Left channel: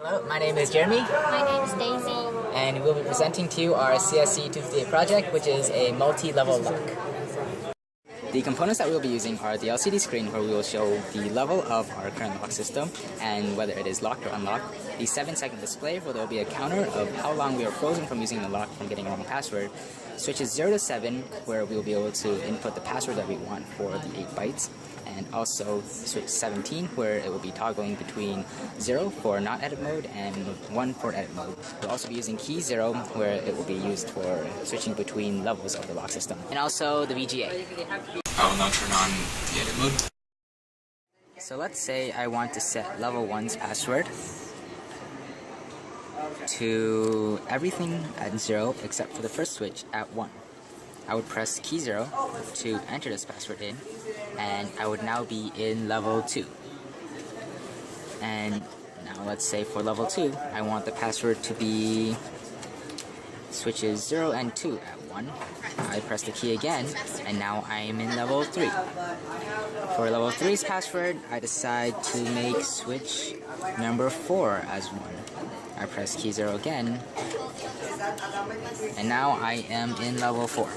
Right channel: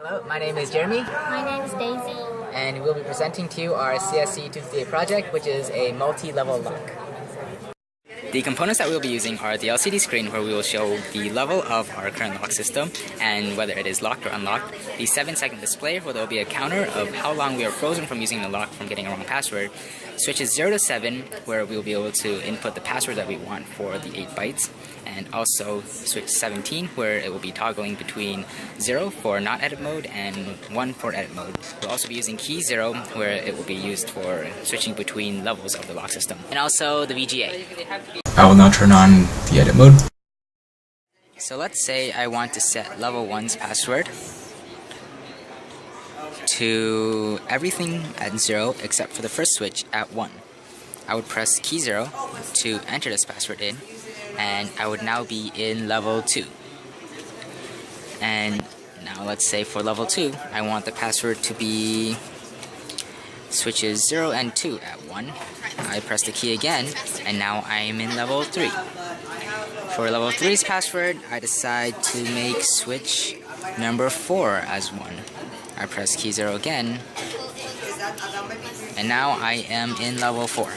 Hello, my name is Jeremy. My name is Daisy. And we'll be presenting to you our CSC258 project, which is a multi-level lock. The components that we'll be using are the LCD screen, where we will show the level of our current lock system and whether it is locked or unlocked. The 7-second display, where there will be a counter of how long we are frozen from using the lock from getting a wrong password. Switches 0 to 7, where we'll be able to input the password that we want for the 8 bytes. And also switch 17, where it will be toggling between 0 for not edit mode and 1 for edit mode. We'll also be using key 0, where it will be used for switching between levels of the lock system. And also the VGA. I will now turn on the edit mode. So let's say I want to set level 1's password to everything at 0 except for the first switch at 1. I would press key 0 to enter this password in, and I would now be in level 2. And now let's say for level 2, I want the password to be switches 0 and 2 at 1. I press the key again, and now I am in level 3. For level 3's password, I decide to make switch number 4 as 1. I press key 0 again, and now I am in level 4.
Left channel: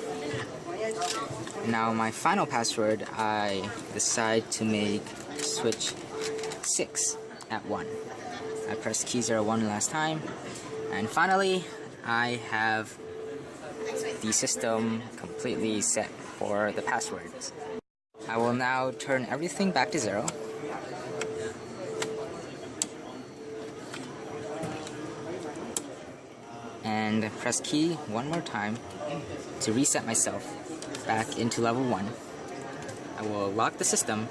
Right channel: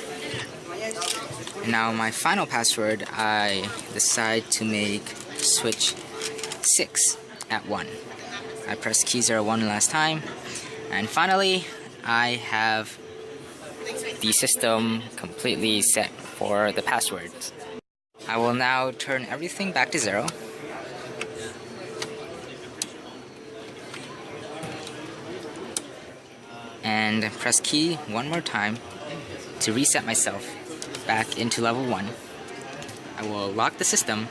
And now my final password, I decide to make switch 6 at 1. I press key 0 one last time, and finally I have the system completely set for the passwords. I will now turn everything back to 0. And press key one more time to reset myself back into level 1. I will lock the system,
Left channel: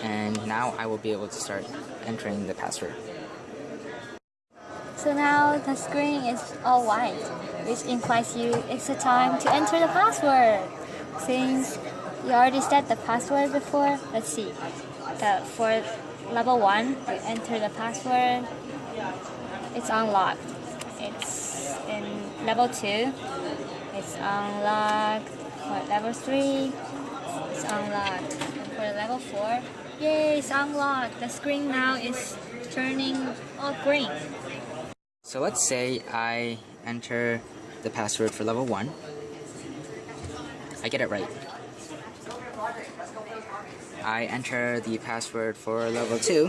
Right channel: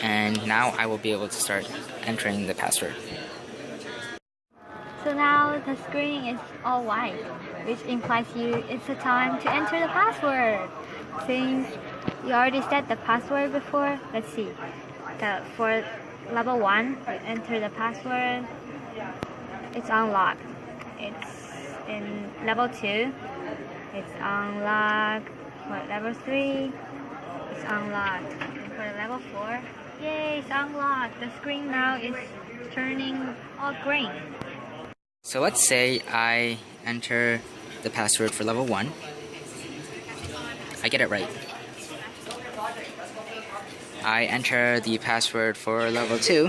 and now I will be able to start entering the password. So now the screen is all white, which implies it's the time to enter the password. Since you already set the password before, let's see. For level 1, you enter the password, it's unlocked. It's in level 2, it's unlocked. For level 3, it's unlocked. And for level 4, yay, it's unlocked. The screen now is turning all green. So let's say I enter the password for level 1. I get it right. I enter the password for level 2,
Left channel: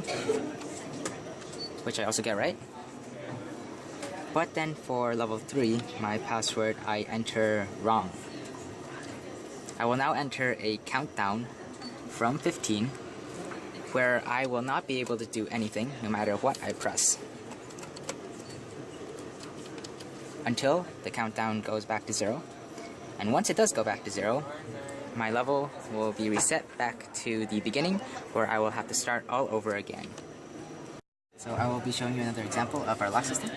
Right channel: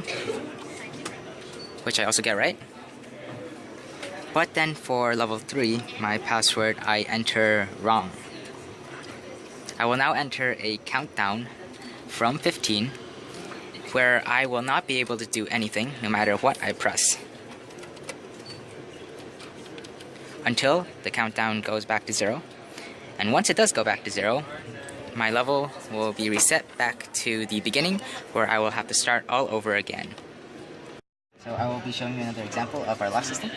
which I also get right. But then for level 3, my password I enter wrong. I will now enter a countdown from 15, where I will not be able to do anything no matter what I press, until the countdown goes back to 0. And once it does go back to 0, my level will be reset back to the beginning, where I will have to start all over again. So I will be showing you another example of our lock system.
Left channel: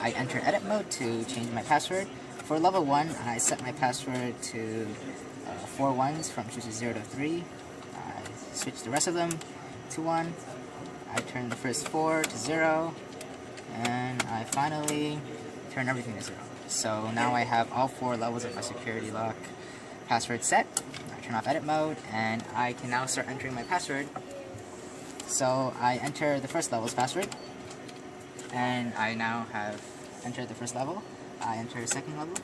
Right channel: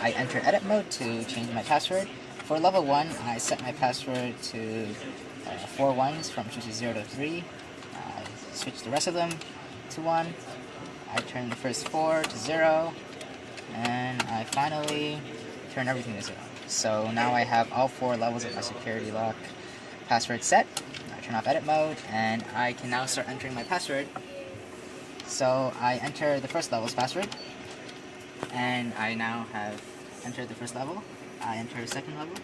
I enter edit mode to change my password. For level 1, I set my password to 4 ones from switches 0 to 3. I switch the rest of them to 1. I turn the first 4 to 0. And I finally turn everything to 0. So now I have all 4 levels of my security lock password set. I turn off edit mode, and I can now start entering my password. So I enter the first level's password, and I now have entered the first level. I enter second level.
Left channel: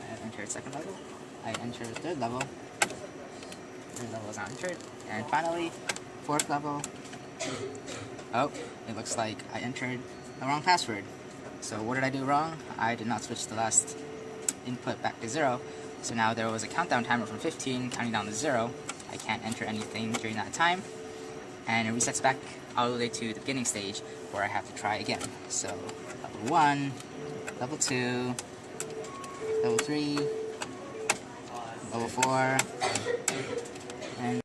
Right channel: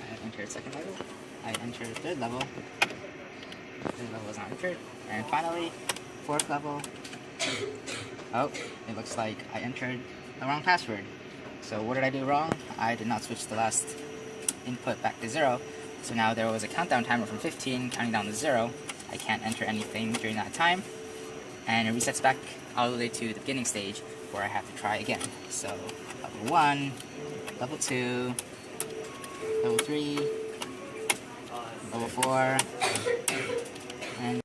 I have entered second level. I enter third level. Third level is not entered. And finally, fourth level. Oh, it looks like I entered the wrong password. So what did I do wrong? I did not switch the last input back to 0. So now there was a countdown timer from 15 counting down to 0. I can't enter anything during that time. And it resets back all the way to the beginning stage, where I have to try again. So level 1, level 2, level 3, level 4, and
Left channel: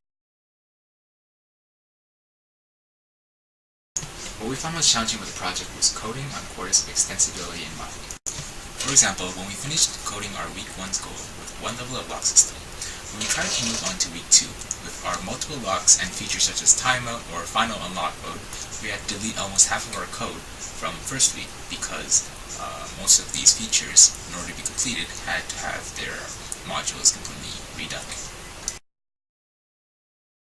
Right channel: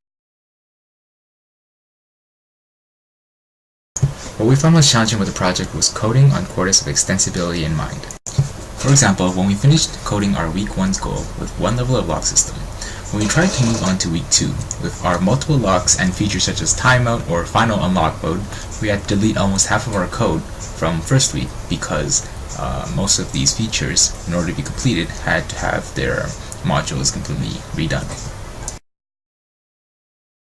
What we found most challenging with the project was coding on quarters of extensibility in mind. For example, when we finished coding our week 1's goal with 1 level of lock system, when we tried to move on to week 2 with our multiple locks and features such as timeout or final unlock mode, we had to delete almost half of our code from first week because most of these features, in order to be completed, had to have their modules completely redone.